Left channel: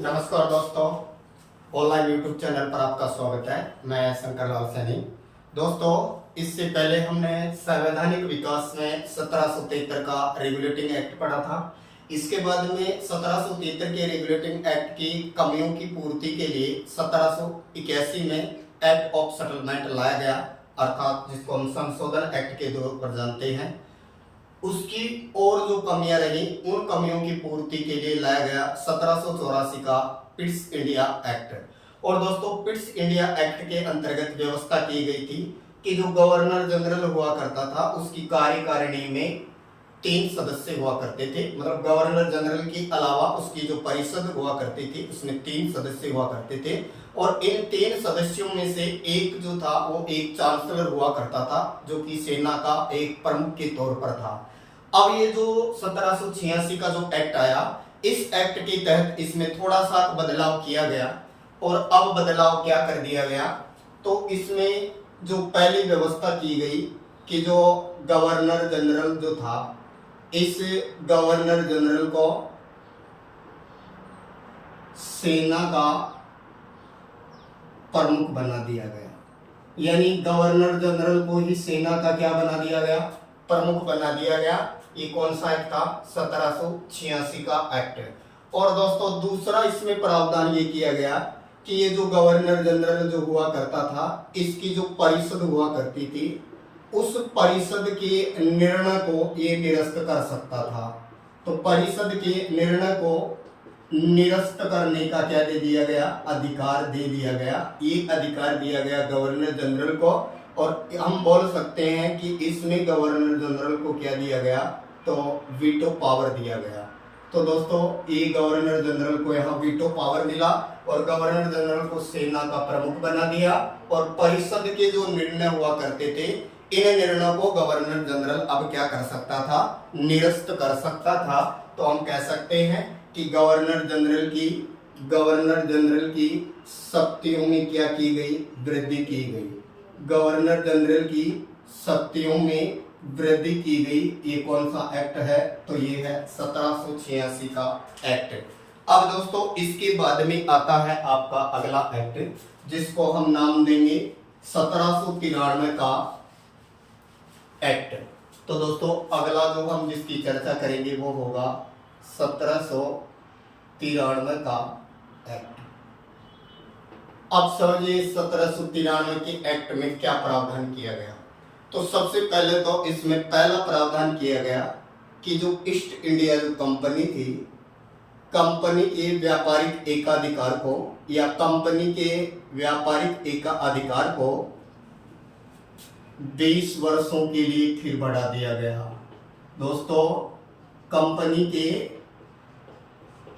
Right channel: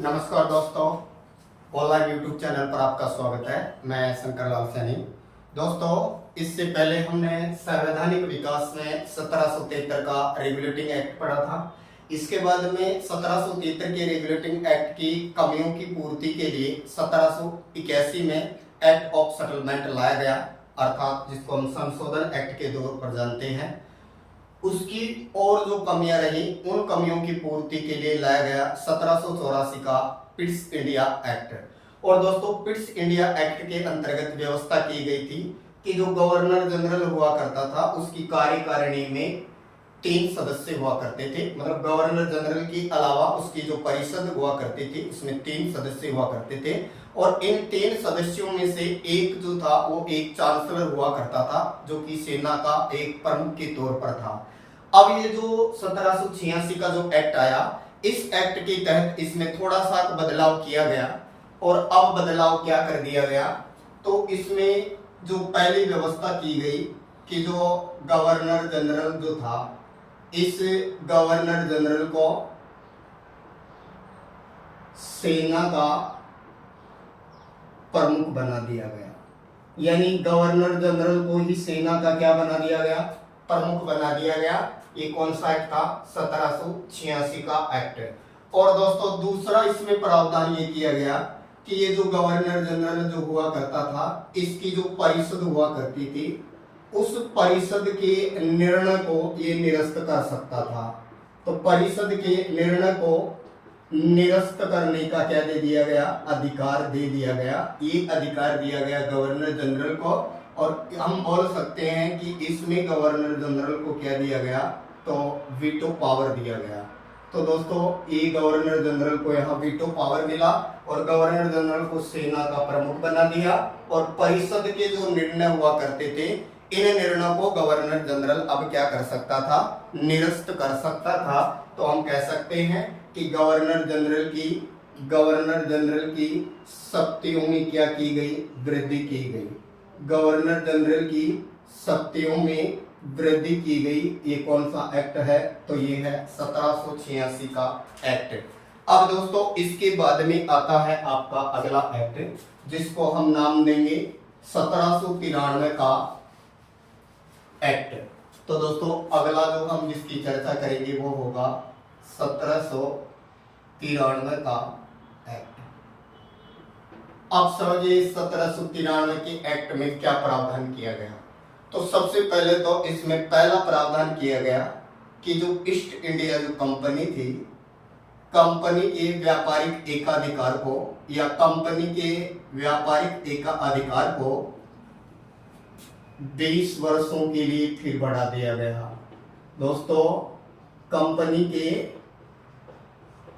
नमस्कार दोस्तों, online YouTube channel पर आपका स्वागत है। मैं शंकर लाल सैनी। दोस्तों, इससे पहले हमने संवैधानिक विकास में 1773 का रेगुलेटिंग एक्ट पढ़ा था। इसके बाद में 1773 के रेगुलेटिंग एक्ट की कमियों की पूर्ति के लिए 1781 में एक्ट ऑफ सेटलमेंट लाया गया, अर्थात जिसको हम संशोधन एक्ट के तौर पर जानते हैं। उसकी और जो कमियां रही, उन कमियों की पूर्ति के लिए लाया गया 1784 का पिट्स इंडिया एक्ट। और दोस्तों, पिट्स इंडिया एक्ट के अंतर्गत व्यवस्था की गई थी कि जो गवर्नर जनरल हुआ करता था, उसकी कार्यकारिणी में 3 सदस्य हुआ करते थे। मतलब गवर्नर जनरल के अलावा उसकी जो परिषद हुआ करती थी, उसमें 3 सदस्य हुआ करते थे। और इन 3 सदस्यों में से एक जो था वो एक चांसलर हुआ करता था, जो कि सेना का एक प्रमुख के तौर पर था। अब ये जो 1786 का जो एक्ट आया, इस एक्ट के तहत इसमें थोड़ा सा बदलाव किया गया। और अब बदलाव क्या कर दिया गया, तो इसमें जो पहली व्यवस्था की गई कि जो गवर्नर जनरल जो था, इस गवर्नर जनरल को सेना का प्रमुख बना दिया गया। यानी गवर्नर जनरल को ही सेना का क्या बना दिया गया, प्रमुख बना दिया गया। ये कौन सा एक्ट था, 1786 का एक्ट है। और दोस्तों, दूसरा इसमें प्रावधान ये किया गया कि ये जो गवर्नर जनरल जो हुआ करता था, इसकी जो परिषद हुआ करती थी, उस परिषद के निर्णय को ये निरस्त कर सकता था। तो परिषद के निर्णय को निरस्त करने का क्या दे दिया गया, अधिकार दे दिया गया। ये अधिकार दिया गया गवर्नर जनरल को। और हम बोल सकते हैं कि इसमें गवर्नर जनरल को क्या दिया गया, तो वीटो पावर दिया गया। तो दोस्तों, ये गवर्नर जनरल को यहाँ वीटो पावर मिला और गवर्नर जनरल को सेना का प्रमुख बना दिया। और परिषद के जो निर्णय हुआ करते थे, इन निर्णयों को गवर्नर जनरल अब क्या कर सकता था, निरस्त कर सकता था। तो हम कह सकते हैं कि गवर्नर जनरल की शक्तियों में क्या की गई, वृद्धि की गई। गवर्नर जनरल की शक्तियों में वृद्धि की गई। ये कौन सा एक्ट है, तो ये है 1786 का एक्ट। अब दोस्तों, इसके बाद में आता है आपका अगला एक्ट, जिसको हम नाम देंगे 1793 का एक्ट। तो दोस्तों, अगला जो हम जिसकी चर्चा करेंगे वो होगा 1793 का एक्ट। अब समझिए 1793 के एक्ट में क्या प्रावधान किया गया। तो सबसे पहले तो इसमें पहला प्रावधान किया गया कि जो ईस्ट इंडिया जो कंपनी थी, कंपनी के व्यापारिक एकाधिकार को या कंपनी के व्यापारिक एकाधिकार को 20 वर्षों के लिए फिर बढ़ा दिया गया। दोस्तों, कंपनी के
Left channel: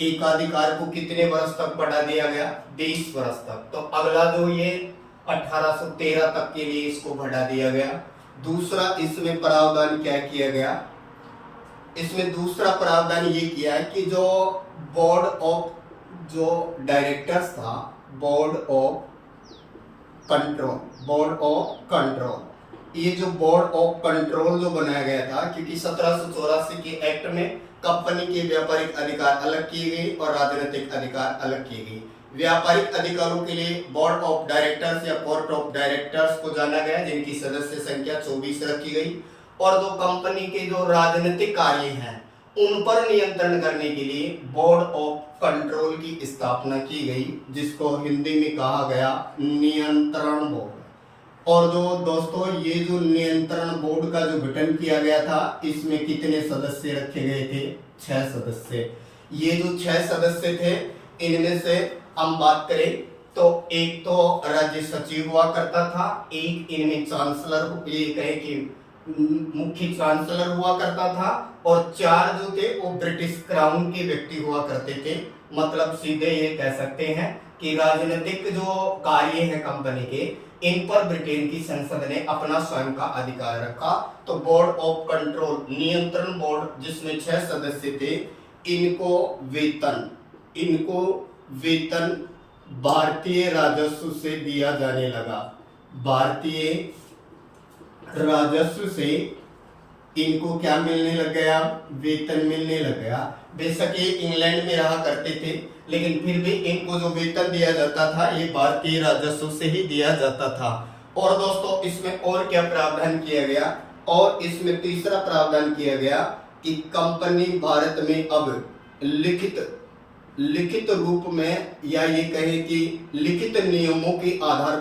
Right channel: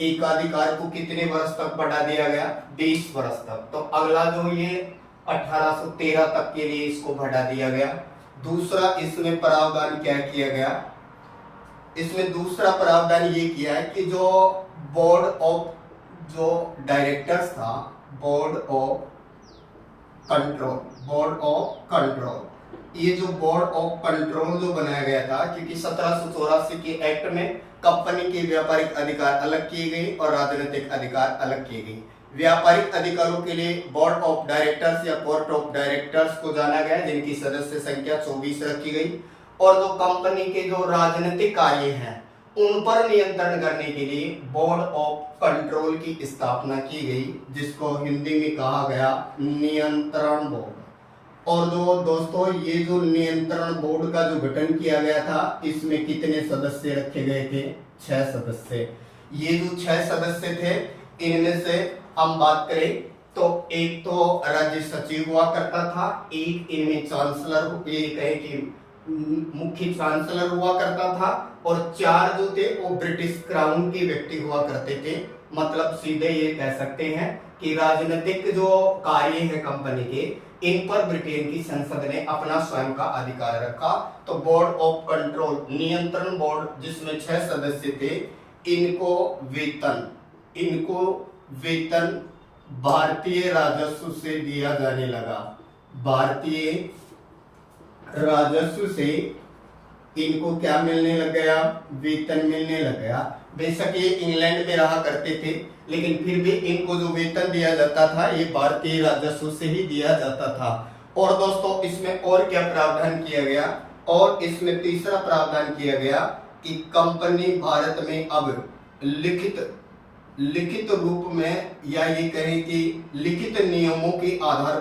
एकाधिकार को कितने वर्ष तक बढ़ा दिया गया, 20 वर्ष तक। तो अगला जो ये 1813 तक के लिए इसको बढ़ा दिया गया। दूसरा इसमें प्रावधान क्या किया गया, इसमें दूसरा प्रावधान ये किया है कि जो बोर्ड ऑफ जो डायरेक्टर्स था, बोर्ड ऑफ कंट्रोल, ये जो बोर्ड ऑफ कंट्रोल जो बनाया गया था, क्योंकि 1784 के एक्ट में कंपनी के व्यापारिक अधिकार अलग किए गए और राजनीतिक अधिकार अलग किए गए। व्यापारिक अधिकारों के लिए बोर्ड ऑफ डायरेक्टर्स या कोर्ट ऑफ डायरेक्टर्स को जाना गया, जिनकी सदस्य संख्या 24 रखी गई। और जो कंपनी के जो राजनीतिक कार्य हैं, उन पर नियंत्रण करने के लिए बोर्ड ऑफ कंट्रोल की स्थापना की गई, जिसको हिंदी में कहा गया नियंत्रण बोर्ड। और जो दोस्तों, ये जो नियंत्रण बोर्ड का जो गठन किया गया था, इसमें कितने सदस्य रखे गए थे, 6 सदस्य। ये जो 6 सदस्य थे, इनमें से हम बात करें तो एक तो राज्य सचिव हुआ करता था, एक इनमें चांसलर, ये कहे कि मुख्य चांसलर हुआ करता था, और 4 जो थे वो ब्रिटिश क्राउन के व्यक्ति हुआ करते थे। मतलब सीधे ये कह सकते हैं कि राजनीतिक जो कार्य है कंपनी के, इन पर ब्रिटेन की संसद ने अपना स्वयं का अधिकार रखा। तो बोर्ड ऑफ कंट्रोल, नियंत्रण बोर्ड, जिसमें 6 सदस्य थे, इनको वेतन भारतीय राजस्व से दिया जाने लगा। भारतीय राजस्व से इनको क्या मिलने लग गया, वेतन मिलने लग गया। बेशक ये इंग्लैंड में रहा करते थे, लेकिन फिर भी इनको जो वेतन दिया जाता था ये भारतीय राजस्व से ही दिया जाता था। और दोस्तों इसमें और क्या प्रावधान किया गया, और इसमें तीसरा प्रावधान किया गया कि कंपनी भारत में अब लिखित रूप में, या ये कहें कि लिखित नियमों के आधार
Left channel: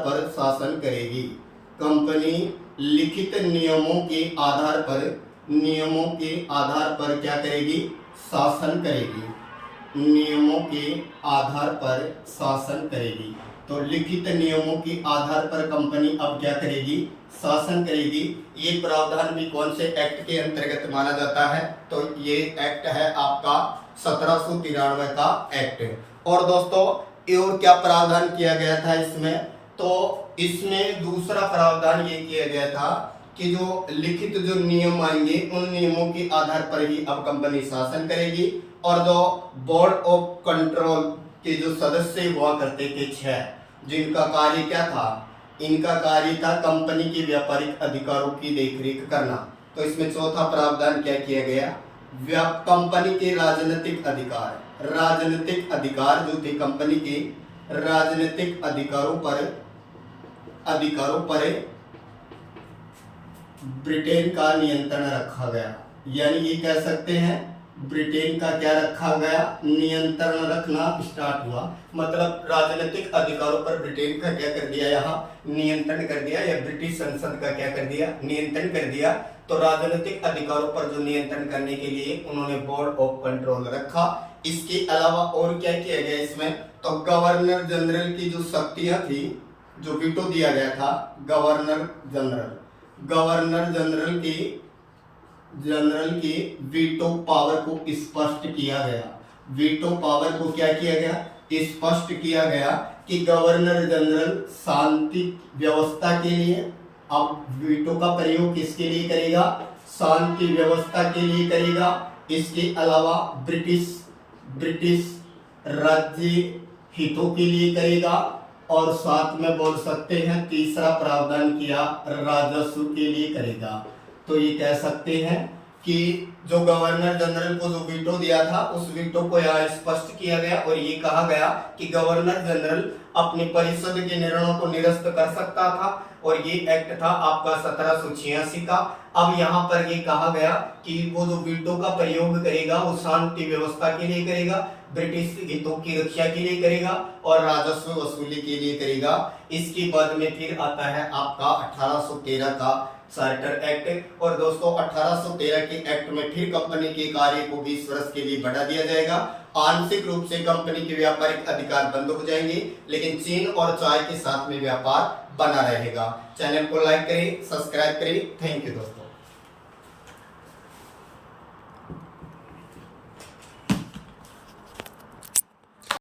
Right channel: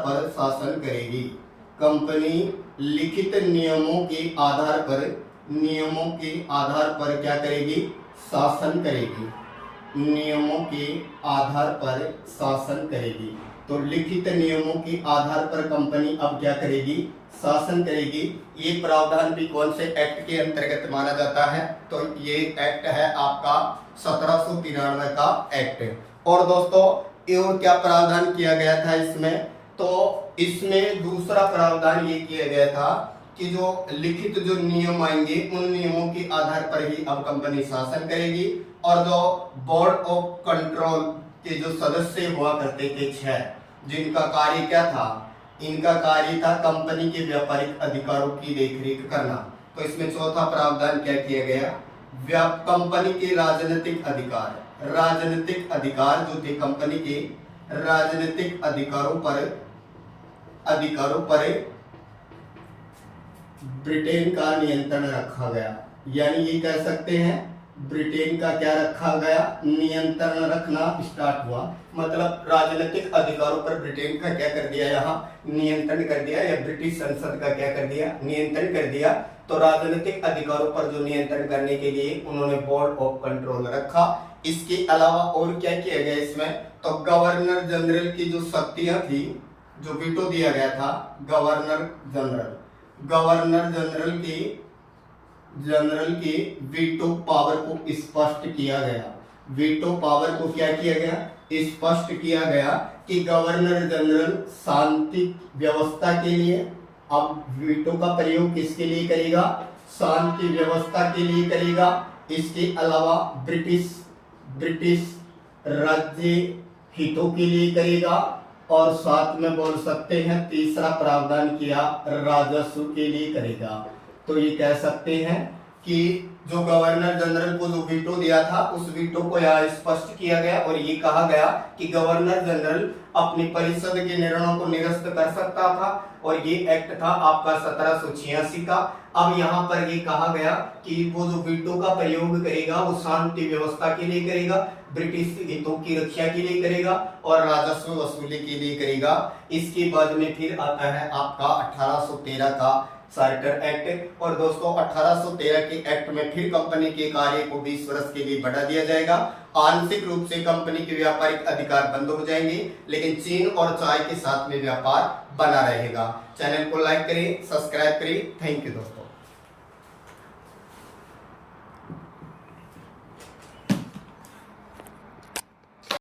पर शासन करेगी। कंपनी लिखित नियमों के आधार पर क्या करेगी, शासन करेगी। नियमों के आधार पर शासन करेगी। तो लिखित नियमों के आधार पर कंपनी अब क्या करेगी, शासन करेगी। ये प्रावधान भी कौन से एक्ट के अंतर्गत माना जाता है, तो ये एक्ट है आपका 1793 का एक्ट। और दोस्तों और क्या प्रावधान किया गया था इसमें, तो इसमें दूसरा प्रावधान ये किया गया था कि जो लिखित जो नियम आएंगे उन नियमों के आधार पर ही अब कंपनी शासन करेगी। और जो बोर्ड ऑफ कंट्रोल के जो सदस्य हुआ करते थे 6, जिनका कार्य क्या था, इनका कार्य था कंपनी के व्यापारिक अधिकारों की देखरेख करना। तो इसमें चौथा प्रावधान क्या किया गया, कंपनी के राजनीतिक अधिकार जो थे कंपनी के राजनीतिक अधिकारों पर ब्रिटेन का नियंत्रण रखा गया। यानी ये कह सकते हैं ब्रिटेन का क्या रखा गया, नियंत्रण रखना स्टार्ट हुआ। मतलब राजनीतिक अधिकारों पर ब्रिटेन का क्या कर दिया, यहाँ नियंत्रण कर दिया, या ब्रिटिश संसद का क्या कर दिया, नियंत्रण कर दिया। तो राजनीतिक अधिकारों पर जो नियंत्रण करने के लिए उन्होंने बोर्ड ऑफ कंट्रोल रखा। इसके अलावा और क्या किया गया इसमें, तो गवर्नर जनरल की जो शक्तियां थी, जो वीटो दिया गया था, गवर्नर जनरल की वीटो पावर को स्पष्ट किया गया। वीटो पावर को क्या किया गया, स्पष्ट किया गया कि गवर्नर जनरल शांति व्यवस्था के लिए, अब वीटो का प्रयोग किसके लिए करेगा, शांति व्यवस्था के लिए करेगा। इसके अलावा ब्रिटिश राज्य हितों के लिए करेगा। और साथ में बोल सकते हैं तीसरा प्रावधान किया राजस्व के लिए करेगा। तो ये कह सकते हैं कि जो गवर्नर जनरल को जो वीटो दिया था उस वीटो को यहाँ स्पष्ट किया गया, और ये कहा गया कि गवर्नर जनरल अपनी परिषद के निर्णयों को निरस्त कर सकता था। और ये एक्ट था आपका 1786 का। अब यहाँ पर ये कहा गया कि वो जो वीटो का प्रयोग करेगा वो शांति व्यवस्था के लिए करेगा, ब्रिटिश हितों की रक्षा के लिए करेगा और राजस्व वसूली के लिए करेगा। इसके बाद में फिर आता है आपका 1813 का चार्टर एक्ट। और दोस्तों 1813 के एक्ट में फिर कंपनी के कार्य को 20 वर्ष के लिए बढ़ा दिया जाएगा। आंशिक रूप से कंपनी के व्यापारिक अधिकार बंद हो जाएंगे, लेकिन चीन और चाय के साथ में व्यापार बना रहेगा। चैनल को लाइक करें, सब्सक्राइब करें। थैंक यू दोस्तों।